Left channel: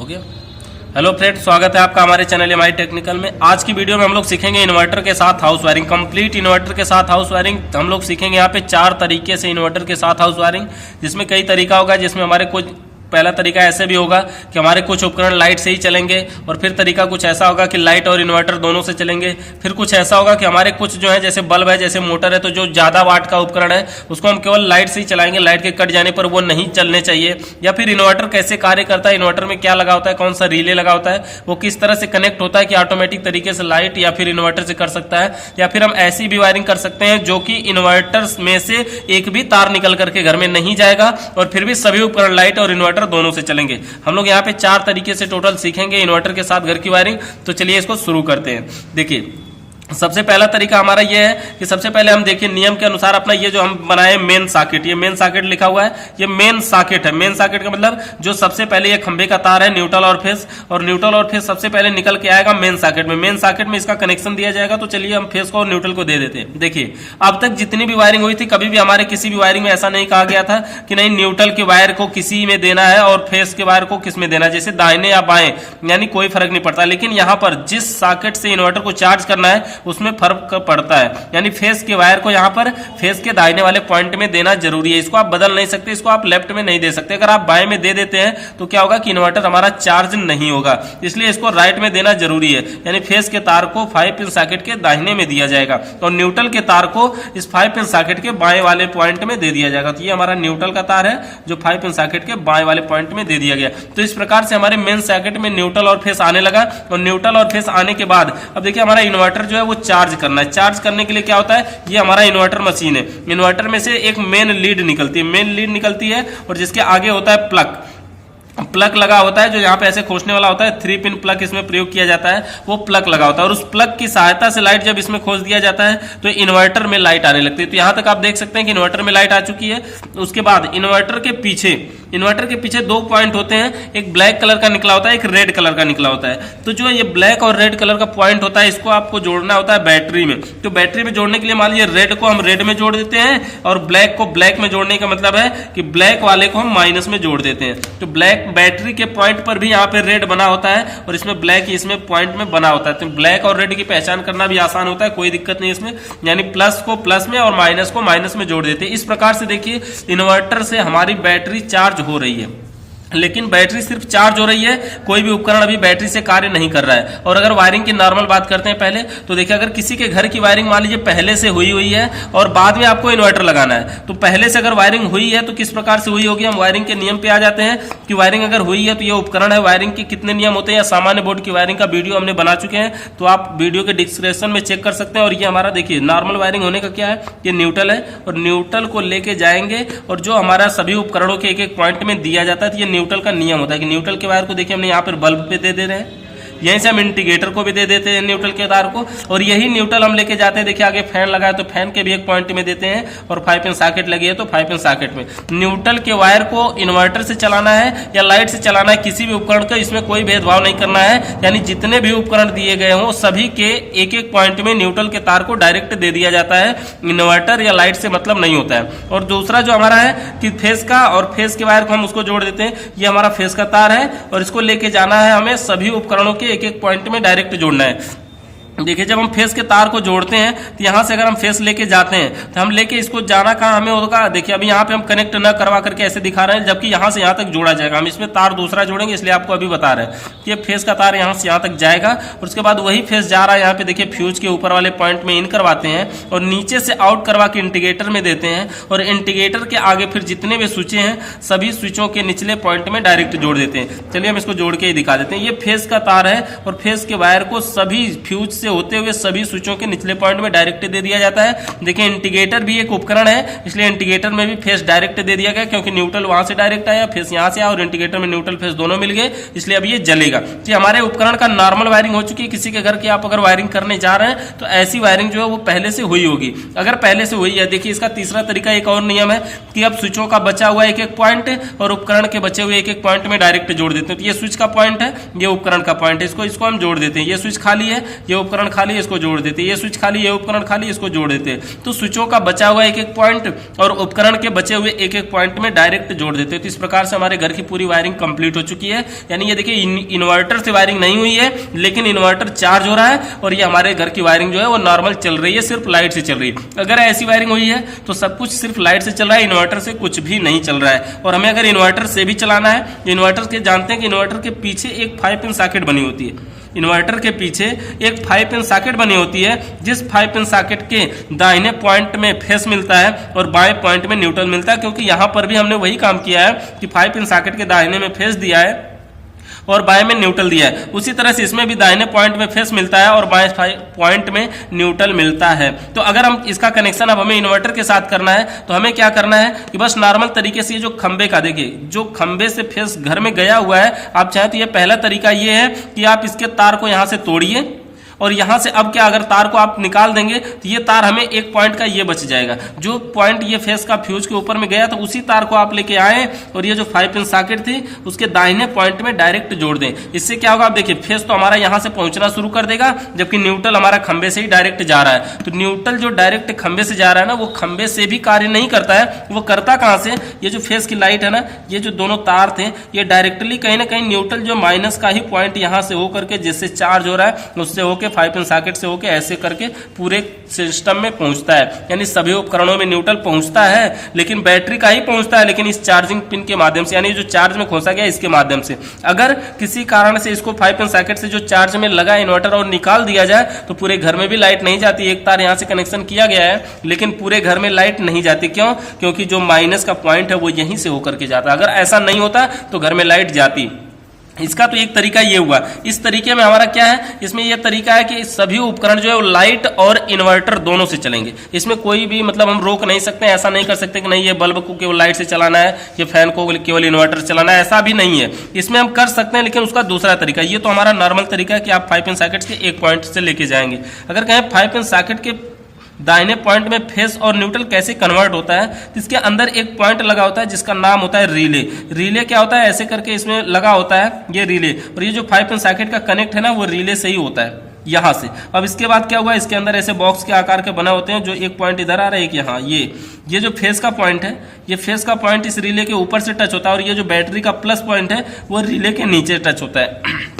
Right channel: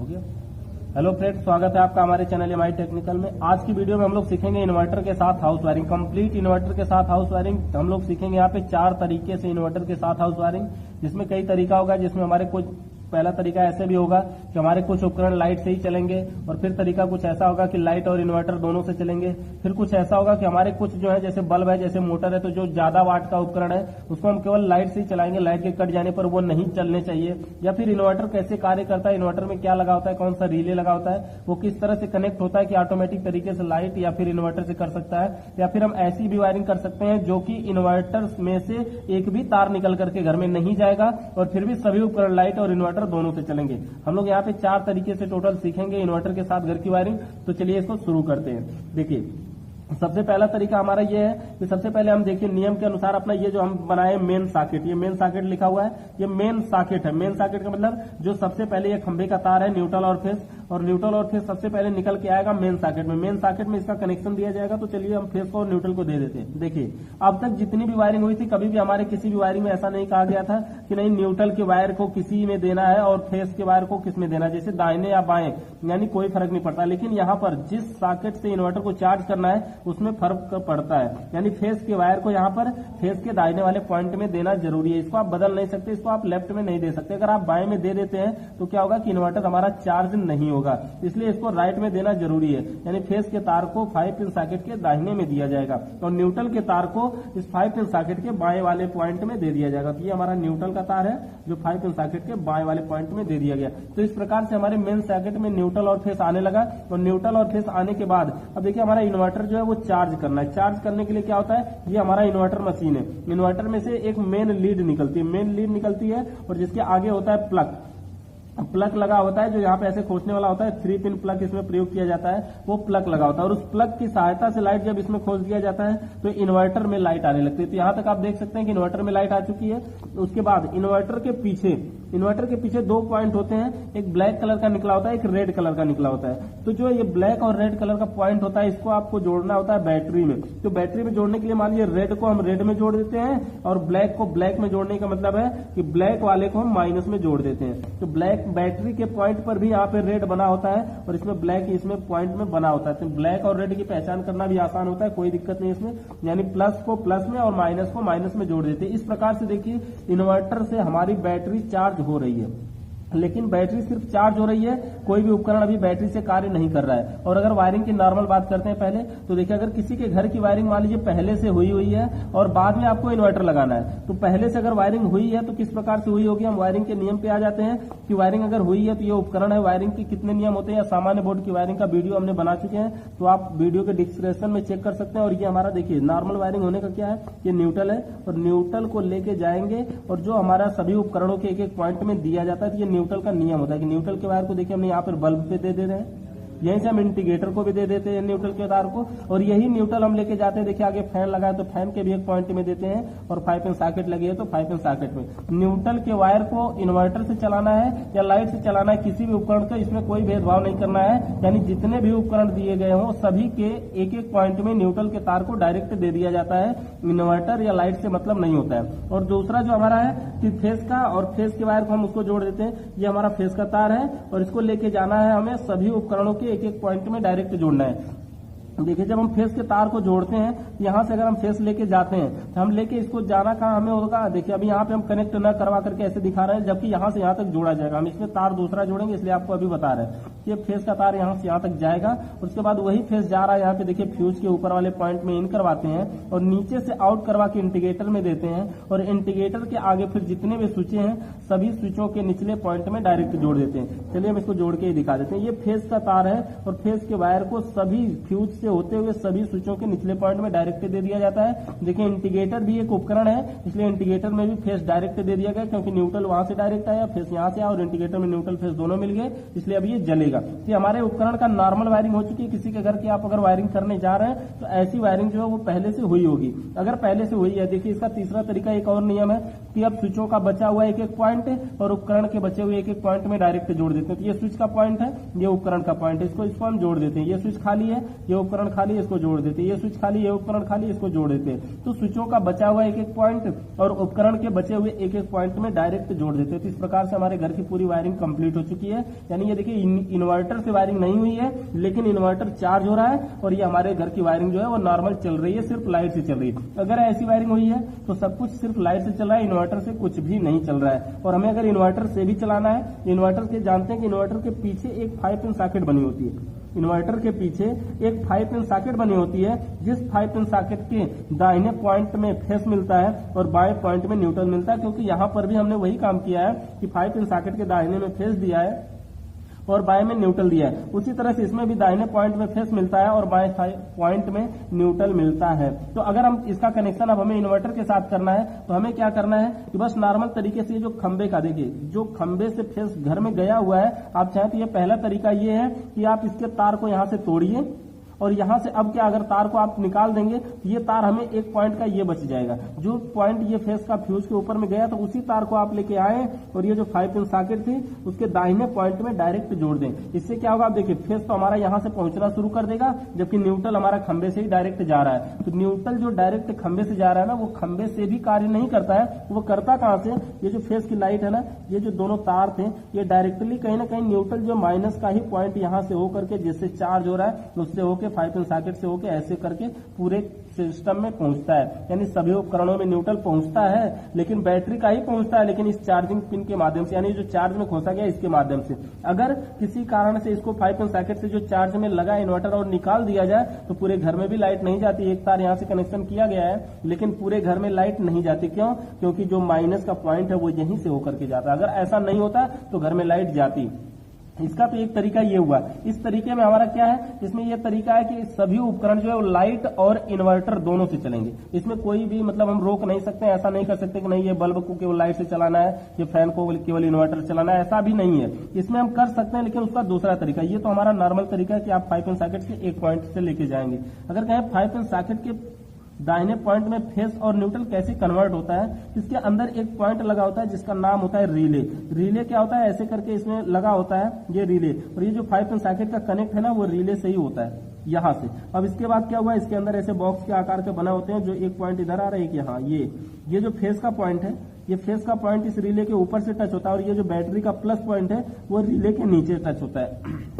Okay. Hello friend, स्वागत है आपका हमारे चैनल एमआई टेक्निकल में। आज की वीडियो में हम लोग सीखेंगे इन्वर्टर के साथ हाउस वायरिंग, कंप्लीट इन्वर्टर के साथ हाउस वायरिंग। हम लोग सीखेंगे यहाँ पे 4 तरीके से इन्वर्टर के साथ हाउस वायरिंग, जिसमें कई तरीका होगा। जिसमें हमारे कुछ पहला तरीका ऐसे भी होगा कि हमारे कुछ उपकरण लाइट से ही चलेंगे, और फिर तरीका कुछ ऐसा होगा कि लाइट और इन्वर्टर दोनों से चलेंगे। फिर कुछ ऐसा होगा कि हमारे कुछ जो है जैसे बल्ब है, जैसे मोटर है, तो जो ज़्यादा वाट का उपकरण है उसको हम केवल लाइट से ही चलाएंगे, लाइट के कट जाने पर वो नहीं चलने चाहिए। या फिर इन्वर्टर कैसे कार्य करता है, इन्वर्टर में क्या लगा होता है, कौन सा रिले लगा होता है, वो किस तरह से कनेक्ट होता है कि ऑटोमेटिक तरीके से लाइट या फिर इन्वर्टर से कर सकता है। या फिर हम ऐसी भी वायरिंग कर सकते हैं जो कि इन्वर्टर में से एक भी तार निकल करके घर में नहीं जाएगा, और फिर भी सभी उपकरण लाइट और इन्वर्टर दोनों से चलेंगे। हम लोग यहाँ पे 4 तरीके से टोटल सीखेंगे इन्वर्टर के साथ घर की वायरिंग। तो चलिए इसको शुरू करते हैं। देखिए, सबसे पहला तरीका हमारा ये है कि सबसे पहले हम देखिए नियम के अनुसार अपना ये जो हम बनाए मेन सॉकेट, ये मेन सॉकेट लिखा हुआ है, ये मेन सॉकेट है। मेन सॉकेट का मतलब जो सबसे पहले ये खंबे का तार है, न्यूट्रल और फेस, और न्यूट्रल और फेस सबसे पहले निकल के आएगा मेन सॉकेट में। मेन सॉकेट में इसका कनेक्शन दिया जाएगा। तो चलिए हम फेस को और न्यूट्रल को दे देते हैं। देखिए, अब तक जितनी भी वायरिंग हुई थी, कभी भी हमारे किसी भी वायरिंग में ऐसा नहीं कहा गया था कि नहीं न्यूट्रल के वायर को किसी में देना है और फेस के वायर को किस में देना है, जैसे दाहिने या बाएं, यानी कोई फर्क नहीं पड़ता। लेकिन यहाँ पर जिस सॉकेट से इन्वर्टर को चार्ज करना है उसमें फर्क पड़ता है, यानी फेस के वायर को यहाँ पर फेस के दाहिने वाले पॉइंट में देना जरूरी है। इसको आप बदल नहीं सकते, इसको आप लेफ्ट में नहीं दे सकते। अगर आप बाएं में दे देते हैं तो क्या होगा कि इन्वर्टर हमारा चार्ज नहीं होगा, इसलिए इसको राइट में देना जरूरी है। यानी फेस के तार को 5 पिन सॉकेट के दाहिने में दिया जाएगा और न्यूट्रल के तार को इस 5 पिन सॉकेट के बाएं वाले पॉइंट में दे दिया जाएगा। तो ये हमारा न्यूट्रल का तार है जो 5 पिन सॉकेट के बाएं वाले पॉइंट में दे दिया गया। तो इस प्रकार से हमारे मेन सॉकेट में न्यूट्रल और फेस आने लगा, और न्यूट्रल और फेस आने के बाद अब देखिए हमारा इन्वर्टर जो है वो चार्ज करना है। चार्ज करने के लिए क्या होता है, ये हमारा इन्वर्टर मशीन है। इन्वर्टर में से एक मेन लीड निकलती है, मेन लीड निकलती है, और जिसके आगे होता है प्लग लगा होता है, जो यहाँ पे ऐसे खोसने वाला होता है। 3 पिन प्लग इसमें प्रयोग किया जाता है, वो प्लग लगा होता है, और उस प्लग की सहायता से लाइट जब इसमें खोस दिया जाता है तो इन्वर्टर में लाइट आने लगती है। तो यहाँ तक आप देख सकते हैं कि इन्वर्टर में लाइट आ चुकी है। उसके बाद इन्वर्टर के पीछे 2 पॉइंट होते हैं, एक ब्लैक कलर का निकला होता है, एक रेड कलर का निकला होता है। तो जो ये ब्लैक और रेड कलर का पॉइंट होता है, इसको आपको जोड़ना होता है बैटरी में। तो बैटरी में जोड़ने के लिए मान लीजिए रेड को हम रेड में जोड़ देते हैं, और ब्लैक को ब्लैक में जोड़ने का मतलब है कि ब्लैक वाले को हम माइनस में जोड़ देते हैं। तो ब्लैक बैटरी के पॉइंट पर भी यहाँ पे रेड बना होता है, और इसमें ब्लैक इसमें पॉइंट में बना होता है। तो ब्लैक और रेड की पहचान करना भी आसान होता है, कोई दिक्कत नहीं इसमें। यानी प्लस को प्लस में और माइनस को माइनस में जोड़ देते हैं। इस प्रकार से देखिए इन्वर्टर से हमारी बैटरी चार्ज हो रही है, लेकिन बैटरी सिर्फ चार्ज हो रही है, कोई भी उपकरण अभी बैटरी से कार्य नहीं कर रहा है। और अगर वायरिंग की नॉर्मल बात करते हैं पहले, तो देखिए अगर किसी के घर की वायरिंग मान लीजिए पहले से हुई है और बाद में आपको इन्वर्टर लगाना है, तो पहले से अगर वायरिंग हुई है तो किस प्रकार से हुई होगी। हम वायरिंग के नियम पे आ जाते हैं कि वायरिंग अगर हुई है तो ये उपकरण है, वायरिंग के कितने नियम होते हैं, या सामान्य बोर्ड की वायरिंग का वीडियो हमने बना चुके हैं, तो आप वीडियो के डिस्क्रिप्शन में चेक कर सकते हैं। और ये हमारा देखिए नॉर्मल वायरिंग होने का क्या है, ये न्यूट्रल है, और न्यूट्रल को लेके जाएंगे, और जो हमारा सभी उपकरणों के एक पॉइंट में दिया जाता है, तो ये न्यूट्रल का नियम होता है कि न्यूट्रल के वायर को देखिए हमने यहाँ पर बल्ब पे दे रहे हैं, यहीं से हम इंडिकेटर को भी दे देते हैं न्यूट्रल के तार को, और यही न्यूट्रल हम लेके जाते हैं। देखिए आगे फैन लगा है तो फैन के भी एक पॉइंट में देते हैं, और 5 पिन सॉकेट लगी है तो 5 पिन सॉकेट में। न्यूट्रल के वायर को इन्वर्टर से चलाना है या लाइट से चलाना है, किसी भी उपकरण का इसमें कोई भेदभाव नहीं करना है। यानी जितने भी उपकरण दिए गए हों सभी के एक पॉइंट में न्यूट्रल के तार को डायरेक्ट दे दिया जाता है, इन्वर्टर या लाइट से मतलब नहीं होता है। और दूसरा जो हमारा है कि फेस का, और फेस के वायर को हम उसको जोड़ देते हैं, ये हमारा फेस का तार है, और इसको लेके जाना है हमें सभी उपकरणों के एक पॉइंट में डायरेक्ट जोड़ना है। देखिए जब हम फेस के तार को जोड़ते हैं तो यहाँ से अगर हम फेस लेके जाते हैं तो हम लेके इसको जाना कहाँ हमें होगा। देखिए अभी यहाँ पे हम कनेक्ट ना करवा करके ऐसे दिखा रहे हैं, जबकि यहाँ से यहाँ तक जोड़ा जाएगा। हम इसमें तार दूसरा जोड़ेंगे, इसलिए आपको अभी बता रहे हैं कि ये फेस का तार यहाँ से यहाँ तक जाएगा, और उसके बाद वही फेस जा रहा है यहाँ पे देखिए फ्यूज के ऊपर वाले पॉइंट में इन करवाते हैं, और नीचे से आउट करवा के इंडिकेटर में देते हैं, और इंडिकेटर के आगे फिर जितने भी स्विचें हैं सभी स्विचों के निचले पॉइंट में डायरेक्ट जोड़ देते हैं। चलिए हम इसको जोड़ के ही दिखा देते हैं। ये फेस का तार है, और फेस के वायर को सभी फ्यूज से होते हुए सभी स्विचों के निचले पॉइंट में डायरेक्ट दे दिया जाता है। देखिए इंडिकेटर भी एक उपकरण है, इसलिए इंडिकेटर में भी फेस डायरेक्ट दे दिया गया, क्योंकि न्यूट्रल वहां से डायरेक्ट आया, फेस यहां से आया, और इंडिकेटर में न्यूट्रल फेस दोनों मिल गए, इसलिए अब ये जलेगा। तो हमारे उपकरण का नॉर्मल वायरिंग हो चुकी है। किसी के घर की आप अगर वायरिंग करने जा रहे हैं तो ऐसी वायरिंग जो है वो पहले से हुई होगी। अगर पहले से हुई है, देखिए इसका तीसरा तरीका एक और नियम है कि अब स्विचों का बचा हुआ एक पॉइंट और उपकरण के बचे हुए एक पॉइंट में डायरेक्ट जोड़ देते हैं। तो ये स्विच का पॉइंट है, ये उपकरण का पॉइंट है, इसको हम जोड़ देते हैं। ये स्विच खाली है, ये उपकरण उपकरण खाली, इसको जोड़ देते, ये स्विच खाली, ये उपकरण खाली, इसको जोड़ देते। तो स्विचों का बचा हुआ एक एक पॉइंट और उपकरण के बचे हुए एक एक पॉइंट में डायरेक्ट जोड़ देते। तो इस प्रकार से हमारे घर की पूरी वायरिंग कंप्लीट हो चुकी है। यानी ये देखिए इन्वर्टर से वायरिंग नहीं हुई है, लेकिन इन्वर्टर चार्ज हो रहा है और ये हमारे घर की वायरिंग जो है वो नॉर्मल चल रही है, सिर्फ लाइट से चल रही है। अगर ऐसी वायरिंग हुई है तो सब कुछ सिर्फ लाइट से चल रहा है, इन्वर्टर से कुछ भी नहीं चल रहा है। और हमें अगर इन्वर्टर से भी चलाना है, इन्वर्टर के जानते हैं कि इन्वर्टर के पीछे एक 5 पिन सॉकेट बनी होती है। इन्वर्टर के पीछे एक 5 पिन सॉकेट बनी होती है, जिस 5 पिन सॉकेट के दाहिने पॉइंट में फेस मिलता है और बाएं पॉइंट में न्यूट्रल मिलता है। क्योंकि यहां पर भी हमने वही काम किया है कि 5 पिन सॉकेट के दाहिने में फेस दिया है और बाएं में न्यूट्रल दिया है। उसी तरह से इसमें भी दाहिने पॉइंट में फेस मिलता है और बाएं पॉइंट में न्यूट्रल मिलता है। तो अगर हम इसका कनेक्शन अब हमें इन्वर्टर के साथ करना है तो हमें क्या करना है कि बस नॉर्मल तरीके से ये जो खंबे का देखिए, जो खंबे से फेस घर में गया हुआ है, आप चाहे तो ये पहला तरीका ये है कि आप इसके तार को यहां से तोड़िए और यहां से अब क्या, अगर तार को आप निकाल देंगे तो ये तार हमें एक पॉइंट का ये बच जाएगा। जो पॉइंट ये फेस का फ्यूज के ऊपर में गया तो उसी तार को आप लेके आए और ये जो 5 पिन सॉकेट थी उसके दाहिने पॉइंट में डायरेक्ट जोड़ दें। इससे क्या होगा, आप देखिए फेस तो हमारा यहां से पहुंचना शुरू कर देगा, जबकि न्यूट्रल हमारा खंबे से ही डायरेक्ट जा रहा है। तो न्यूट्रल जो डायरेक्ट खंबे से जा रहा है ना, वो खंबे से भी कार्य नहीं करता है। वो करता कहां से, ये जो फेस की लाइट है ना, ये जो दोनों तार थे, ये डायरेक्टली कहीं ना कहीं न्यूट्रल जो माइनस का ही पॉइंट यहां से होकर के जिससे चार्ज हो रहा है उससे होकर 5 पिन सॉकेट से होके ऐसे करके पूरे सिस्टम में पहुंचता है। यानी सभी उपकरणों में न्यूट्रल पहुंचता है, लेकिन बैटरी का ही पहुंचता है, लेकिन इस चार्जिंग पिन के माध्यम से, यानी जो चार्ज में खोसा गया इसके माध्यम से। अगर किसी कारण से इसको 5 पिन सॉकेट से जो चार्ज में लगा इन्वर्टर और निकाल दिया जाए तो पूरे घर में भी लाइट नहीं जाती। एक तार यहां से कनेक्शन किया गया है लेकिन पूरे घर में लाइट नहीं जाती। क्यों? क्योंकि जो माइनस का पॉइंट है वो यहीं से होकर के जाता है। अगर ऐसा नहीं होता तो घर में लाइट जाती। इसका तो एक तरीका ये हुआ। इस तरीके में हमारा क्या है, इसमें यह तरीका है कि सभी उपकरण जो है वो लाइट और इन्वर्टर दोनों से चलेंगे। इसमें कोई भी मतलब हम रोक नहीं सकते, ऐसा नहीं कर सकते कि नहीं ये बल्ब को केवल लाइट से चलाना है, ये फैन को केवल इन्वर्टर से चलाना है, ऐसा भी नहीं है। इसमें हम कर सकते हैं, लेकिन उसका दूसरा तरीका, ये तो हमारा नॉर्मल तरीका है कि आप 5 पिन सॉकेट के एक पॉइंट से लेके जाएंगे। अगर कहें 5 पिन सॉकेट के दाहिने पॉइंट में फेस और न्यूट्रल कैसे कन्वर्ट होता है, तो इसके अंदर एक पॉइंट लगा होता है जिसका नाम होता है रिले। रिले क्या होता है, ऐसे करके इसमें लगा होता है ये रिले, और ये जो 5 पिन सॉकेट का कनेक्ट है ना वो रिले से ही होता है यहां से। अब इसके बाद क्या हुआ, इसके अंदर ऐसे बॉक्स के आकार के बने होते हैं, जो एक पॉइंट इधर आ रहा है, एक यहाँ। ये जो फेस का पॉइंट है, ये फेस का पॉइंट इस रिले के ऊपर से टच होता है और ये जो बैटरी का प्लस पॉइंट है वो रिले के नीचे टच होता है।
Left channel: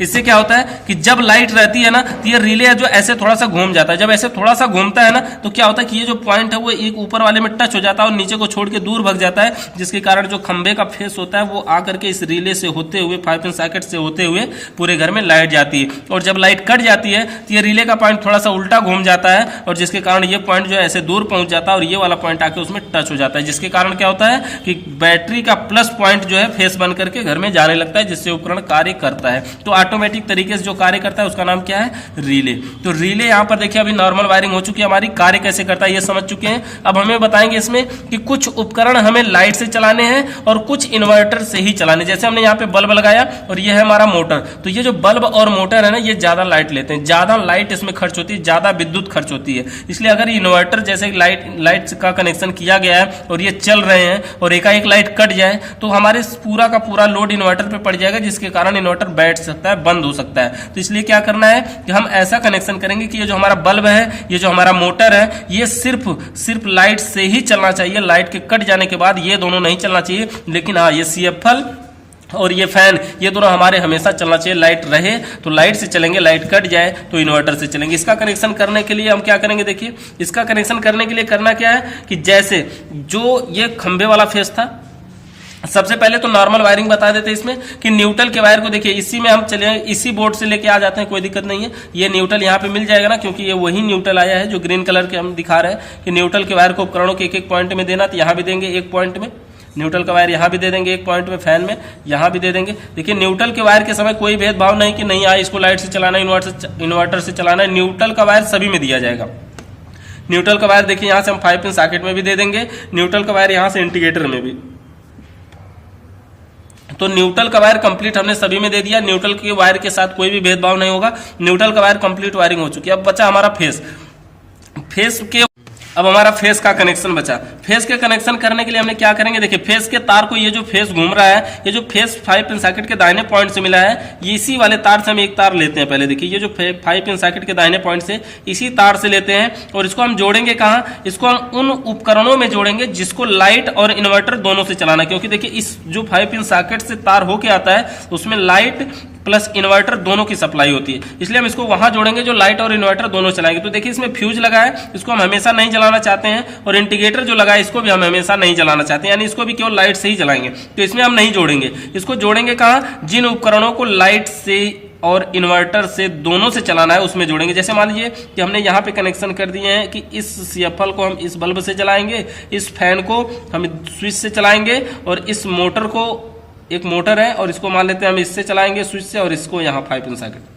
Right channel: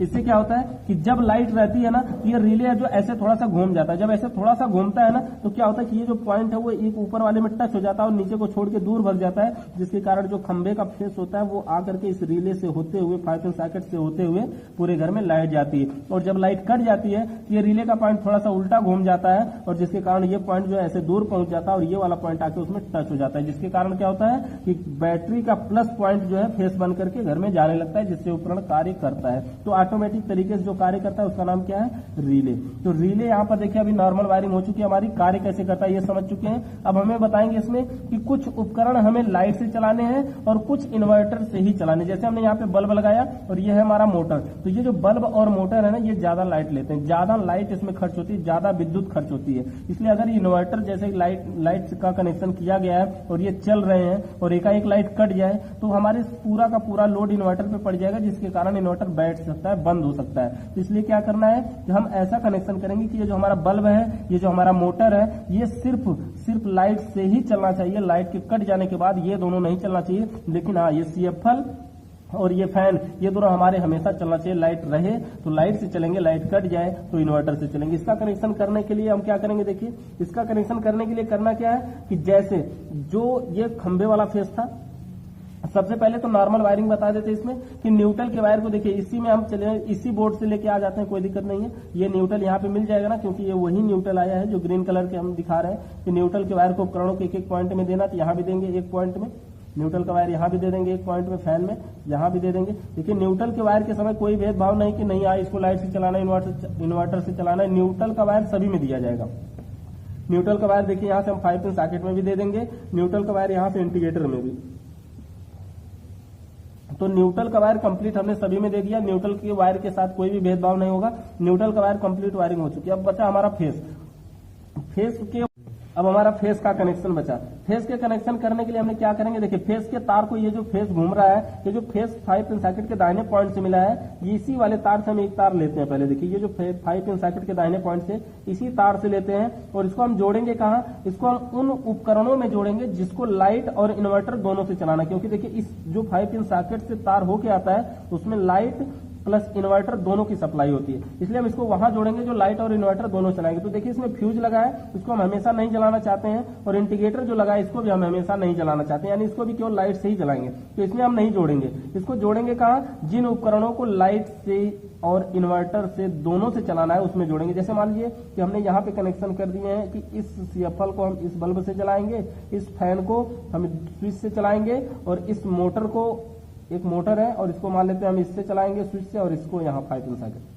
इससे क्या होता है कि जब लाइट रहती है ना तो ये रिले जो ऐसे थोड़ा सा घूम जाता है। जब ऐसे थोड़ा सा घूमता है ना तो क्या होता है कि ये जो पॉइंट है वो एक ऊपर वाले में टच हो जाता है और नीचे को छोड़ के दूर भाग जाता है, जिसके कारण जो खंबे का फेस होता है वो आकर के इस रिले से होते हुए 5 पिन सॉकेट से होते हुए पूरे घर में लाइट जाती है। और जब लाइट कट जाती है तो ये रिले का पॉइंट थोड़ा सा उल्टा घूम जाता है और जिसके कारण ये पॉइंट जो है ऐसे दूर पहुंच जाता है और ये वाला पॉइंट आके उसमें टच हो जाता है, जिसके कारण क्या होता है कि बैटरी का प्लस पॉइंट जो है फेस बन करके घर में जाने लगता है, जिससे उपकरण कार्य करता है। तो ऑटोमेटिक तरीके जो कार्य करता है उसका नाम क्या है, रिले। तो रिले यहां पर देखिए अभी नॉर्मल वायरिंग हो चुकी है हमारी, कार्य कैसे करता है ये समझ चुके हैं। अब हमें बताएंगे इसमें कि कुछ उपकरण हमें लाइट से चलाने हैं और कुछ इन्वर्टर से ही चलाने। जैसे हमने यहाँ पे बल्ब लगाया और ये है हमारा मोटर, तो ये जो बल्ब और मोटर है ना ये ज्यादा लाइट लेते हैं, ज्यादा लाइट इसमें खर्च होती है, ज्यादा विद्युत खर्च होती है। इसलिए अगर इन्वर्टर जैसे लाइट का कनेक्शन किया गया है और ये चल रहे हैं और एकाएक लाइट कट जाए तो हमारे पूरा का पूरा लोड इन्वर्टर पे पड़ जाएगा, जिसके कारण इन्वर्टर बैठ सकता है, बंद हो सकता है। तो इसलिए क्या करना है कि हम ऐसा कनेक्शन करेंगे कि ये जो हमारा बल्ब है, ये जो हमारा मोटर है, ये सिर्फ लाइट से ही चलना चाहिए। लाइट के कट जाने के बाद ये दोनों नहीं चलना चाहिए, लेकिन हाँ ये CFL और ये फैन, ये दोनों हमारे हमेशा चलना चाहिए। लाइट रहे तो लाइट से चलेंगे, लाइट कट जाए तो इन्वर्टर से चलेंगे। इसका कनेक्शन करने के लिए हम क्या करेंगे, देखिए इसका कनेक्शन करने के लिए करना क्या है कि जैसे जो ये खंबे वाला फेस था, सबसे पहले तो नॉर्मल वायरिंग बता देते हैं इसमें कि न्यूट्रल के वायर को देखिए इसी में हम चले, इसी बोर्ड से लेके आ जाते हैं, कोई दिक्कत नहीं है। ये न्यूट्रल यहाँ पे मिल जाएगा ना, क्योंकि ये वही न्यूट्रल आया है जो ग्रीन कलर के हम दिखा रहे हैं कि न्यूट्रल के वायर को उपकरणों के एक एक पॉइंट में देना, तो यहाँ भी देंगे एक पॉइंट में न्यूट्रल का वायर, यहाँ भी दे देंगे एक पॉइंट में, फैन में यहाँ भी दे देंगे। देखिए न्यूट्रल के वायर के समय कोई भेदभाव नहीं कि नहीं इसको लाइट से चलाना है, इन्वर्टर से चलाना है। न्यूट्रल का वायर सभी में दिया जाएगा। न्यूट्रल का वायर देखिए यहाँ से हम 5 पिन सॉकेट में भी दे देंगे, न्यूट्रल का वायर यहाँ से इंडिकेटर में भी। तो न्यूट्रल का वायर कंप्लीट हमने सभी में दे दिया, न्यूट्रल के वायर के साथ कोई भी भेदभाव नहीं होगा। न्यूट्रल का वायर कंप्लीट वायरिंग हो चुकी है। अब बचा हमारा फेस के अब हमारा फेस का कनेक्शन बचा। फेस के कनेक्शन करने के लिए हमने क्या करेंगे, देखिए फेस के तार को, ये जो फेस घूम रहा है, ये जो फेस 5 पिन सॉकेट के दाहिने पॉइंट से मिला है, ये इसी वाले तार से हम एक तार लेते हैं। पहले देखिए ये जो 5 पिन सॉकेट के दाहिने पॉइंट से इसी तार से लेते हैं और इसको हम जोड़ेंगे कहाँ, इसको हम उन उपकरणों में जोड़ेंगे जिसको लाइट और इन्वर्टर दोनों से चलाना है। क्योंकि देखिए इस जो 5 पिन सॉकेट से तार होके आता है उसमें लाइट प्लस इन्वर्टर दोनों की सप्लाई होती है, इसलिए हम इसको वहां जोड़ेंगे जो लाइट और इन्वर्टर दोनों चलाएंगे। तो देखिए इसमें फ्यूज लगा है, इसको हम हमेशा नहीं जलाना चाहते हैं, और इंडिकेटर जो लगा है इसको भी हम हमेशा नहीं जलाना चाहते हैं, यानी इसको भी केवल लाइट से ही जलाएंगे। तो इसमें हम नहीं जोड़ेंगे, इसको जोड़ेंगे कहाँ, जिन उपकरणों को लाइट से और इन्वर्टर से दोनों से चलाना है उसमें जोड़ेंगे। जैसे मान लीजिए कि हमने यहाँ पे कनेक्शन कर दिए हैं कि इस CFL को हम इस बल्ब से चलाएंगे, इस फैन को हम स्विच से चलाएंगे, और इस मोटर को, एक मोटर है और इसको मान लेते हैं हम इससे चलाएंगे स्विच से, और इसको यहाँ 5 पिन सॉकेट।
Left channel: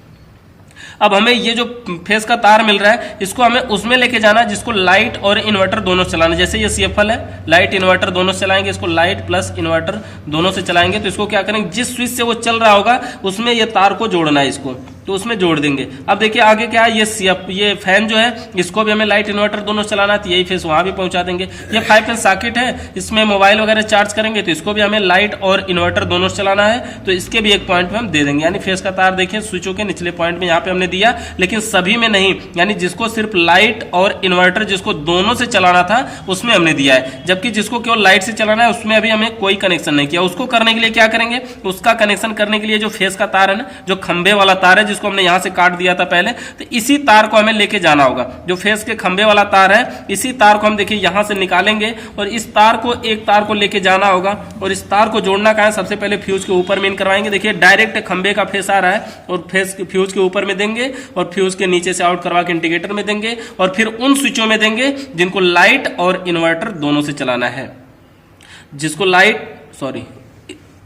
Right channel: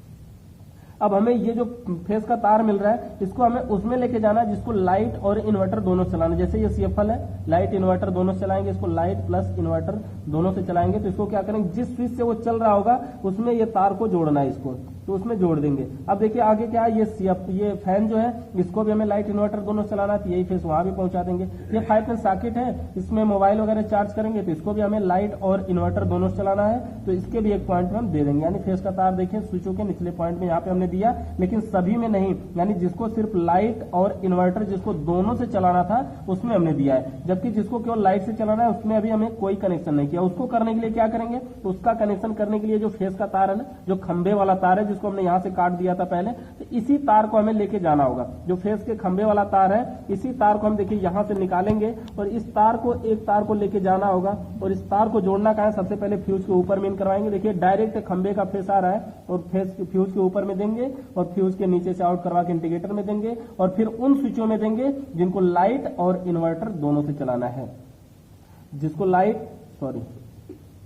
अब हमें ये जो फेस का तार मिल रहा है इसको हमें उसमें लेके जाना है जिसको लाइट और इन्वर्टर दोनों चलाना है। जैसे ये CFL है, लाइट इन्वर्टर दोनों से चलाएंगे, इसको लाइट प्लस इन्वर्टर दोनों से चलाएंगे। तो इसको क्या करेंगे, जिस स्विच से वो चल रहा होगा उसमें ये तार को जोड़ना है, इसको तो उसमें जोड़ देंगे। अब देखिए आगे क्या है, ये फैन जो है इसको भी हमें लाइट इन्वर्टर दोनों चलाना है, तो यही फेस वहां भी पहुंचा देंगे। ये 5 पिन सॉकेट है, इसमें मोबाइल वगैरह चार्ज करेंगे तो इसको भी हमें लाइट और इन्वर्टर दोनों चलाना है, तो इसके भी एक पॉइंट पे हम दे देंगे। यानी फेस का तार देखिए स्विचों के निचले पॉइंट में यहाँ पे हमने दिया, लेकिन सभी में नहीं, यानी जिसको सिर्फ लाइट और इन्वर्टर जिसको दोनों से चलाना था उसमें हमने दिया है, जबकि जिसको केवल लाइट से चलाना है उसमें अभी हमें कोई कनेक्शन नहीं किया। उसको करने के लिए क्या करेंगे, उसका कनेक्शन करने के लिए जो फेस का तार है ना, जो खंबे वाला तार है जिसको हमने यहाँ से काट दिया था पहले, तो इसी तार को हमें लेके जाना होगा। जो फेस के खंबे वाला तार है इसी तार को हम देखिए यहां से निकालेंगे और इस तार को, एक तार को लेके जाना होगा, और इस तार को जोड़ना कहां है, सबसे पहले फ्यूज के ऊपर में करवाएंगे। देखिए डायरेक्ट खंबे का फेस आ रहा है और फ्यूज के ऊपर में देंगे, और फ्यूज के नीचे से आउट करवा के इंडिकेटर में देंगे, और फिर उन स्विचों में देंगे जिनको लाइट और इन्वर्टर दोनों से चलाना है। जिसको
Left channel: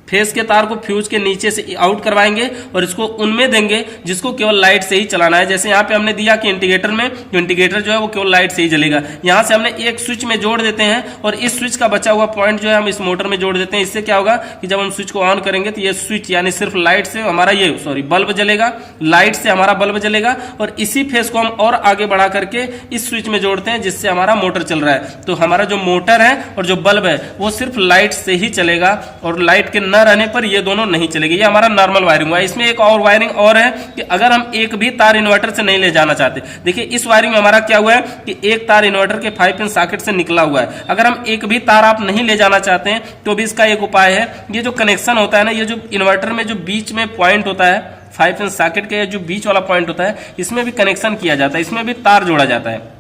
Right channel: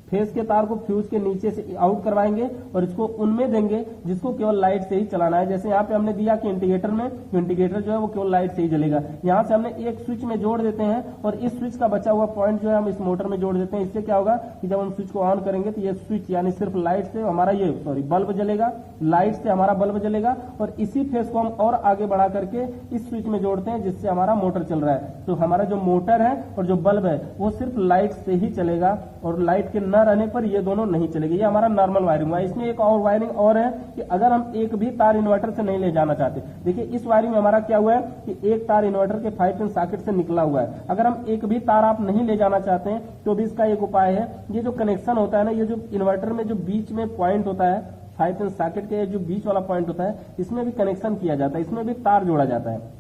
फेस के तार को फ्यूज के नीचे से आउट करवाएंगे और इसको उनमें देंगे जिसको केवल लाइट से ही चलाना है। जैसे यहाँ पे हमने दिया कि इंडिकेटर में, तो इंडिकेटर जो है वो केवल लाइट से ही जलेगा। यहाँ से हमने एक स्विच में जोड़ देते हैं और इस स्विच का बचा हुआ पॉइंट जो है हम इस मोटर में जोड़ देते हैं। इससे क्या होगा कि जब हम स्विच को ऑन करेंगे तो ये स्विच यानी सिर्फ लाइट से हमारा बल्ब जलेगा, लाइट से हमारा बल्ब जलेगा, और इसी फेस को हम और आगे बढ़ा करके इस स्विच में जोड़ते हैं जिससे हमारा मोटर चल रहा है। तो हमारा जो मोटर है और जो बल्ब है वो सिर्फ लाइट से ही चलेगा, और लाइट के न रहने पर ये दोनों नहीं चलेगी। ये हमारा नॉर्मल वायरिंग हुआ है। इसमें एक और वायरिंग और है कि अगर हम एक भी तार इन्वर्टर से नहीं ले जाना चाहते, देखिए इस वायरिंग में हमारा क्या हुआ है कि एक तार इन्वर्टर के 5 पिन सॉकेट से निकला हुआ है। अगर हम एक भी तार आप नहीं ले जाना चाहते हैं तो भी इसका एक उपाय है, ये जो कनेक्शन होता है ना, ये जो इन्वर्टर में जो बीच में पॉइंट होता है 5 पिन सॉकेट के जो बीच वाला पॉइंट होता है, इसमें भी कनेक्शन किया जाता है, इसमें भी तार जोड़ा जाता है।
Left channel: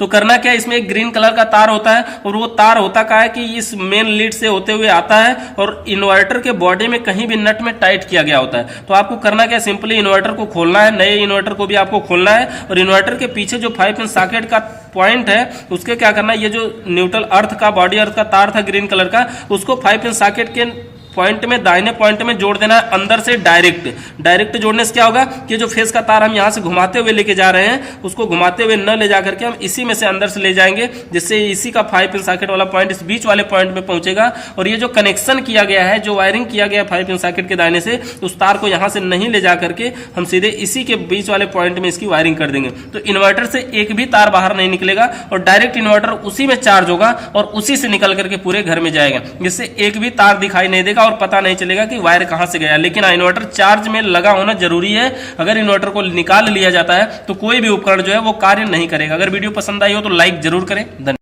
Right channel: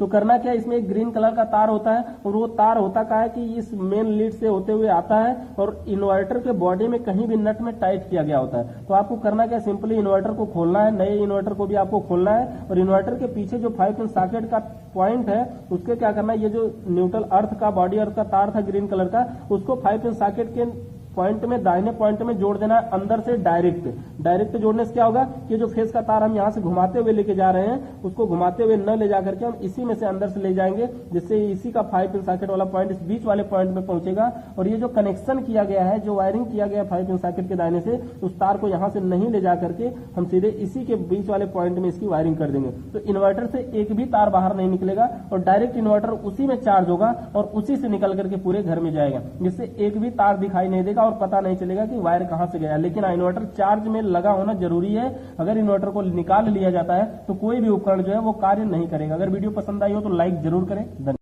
तो करना क्या है, इसमें एक ग्रीन कलर का तार होता है, और वो तार होता क्या है कि इस मेन लीड से होते हुए आता है और इन्वर्टर के बॉडी में कहीं भी नट में टाइट किया गया होता है। तो आपको करना क्या है, सिंपली इन्वर्टर को खोलना है, नए इन्वर्टर को भी आपको खोलना है, और इन्वर्टर के पीछे जो 5 पिन सॉकेट का पॉइंट है उसके क्या करना है, ये जो न्यूट्रल अर्थ का, बॉडी अर्थ का तार था ग्रीन कलर का, उसको 5 पिन सॉकेट के पॉइंट में, दाहिने पॉइंट में जोड़ देना है अंदर से डायरेक्ट जोड़ने से क्या होगा कि जो फेस का तार हम यहां से घुमाते हुए लेके जा रहे हैं उसको घुमाते हुए न ले जाकर के हम इसी में से अंदर से ले जाएंगे, जिससे इसी का 5 पिन सॉकेट वाला पॉइंट इस बीच वाले पॉइंट में पहुंचेगा। और ये जो कनेक्शन किया गया है, जो वायरिंग किया गया है 5 पिन सॉकेट के दाहिने से, उस तार को यहां से नहीं ले जा करके हम सीधे इसी के बीच वाले पॉइंट में इसकी वायरिंग कर देंगे। तो इन्वर्टर से एक भी तार बाहर नहीं निकलेगा और डायरेक्ट इन्वर्टर उसी में चार्ज होगा और उसी से निकल करके पूरे घर में जाएगा, जिससे एक भी तार दिखाई नहीं देगा और पता नहीं चलेगा कि वायर कहां से गया। लेकिन इन्वर्टर चार्ज में लगा होना जरूरी है। अगर इन्वर्टर को निकाल लिया जाता है तो कोई भी उपकरण जो है वो कार्य नहीं करेगा। अगर वीडियो पसंद आई हो तो लाइक जरूर करें। धन्यवाद।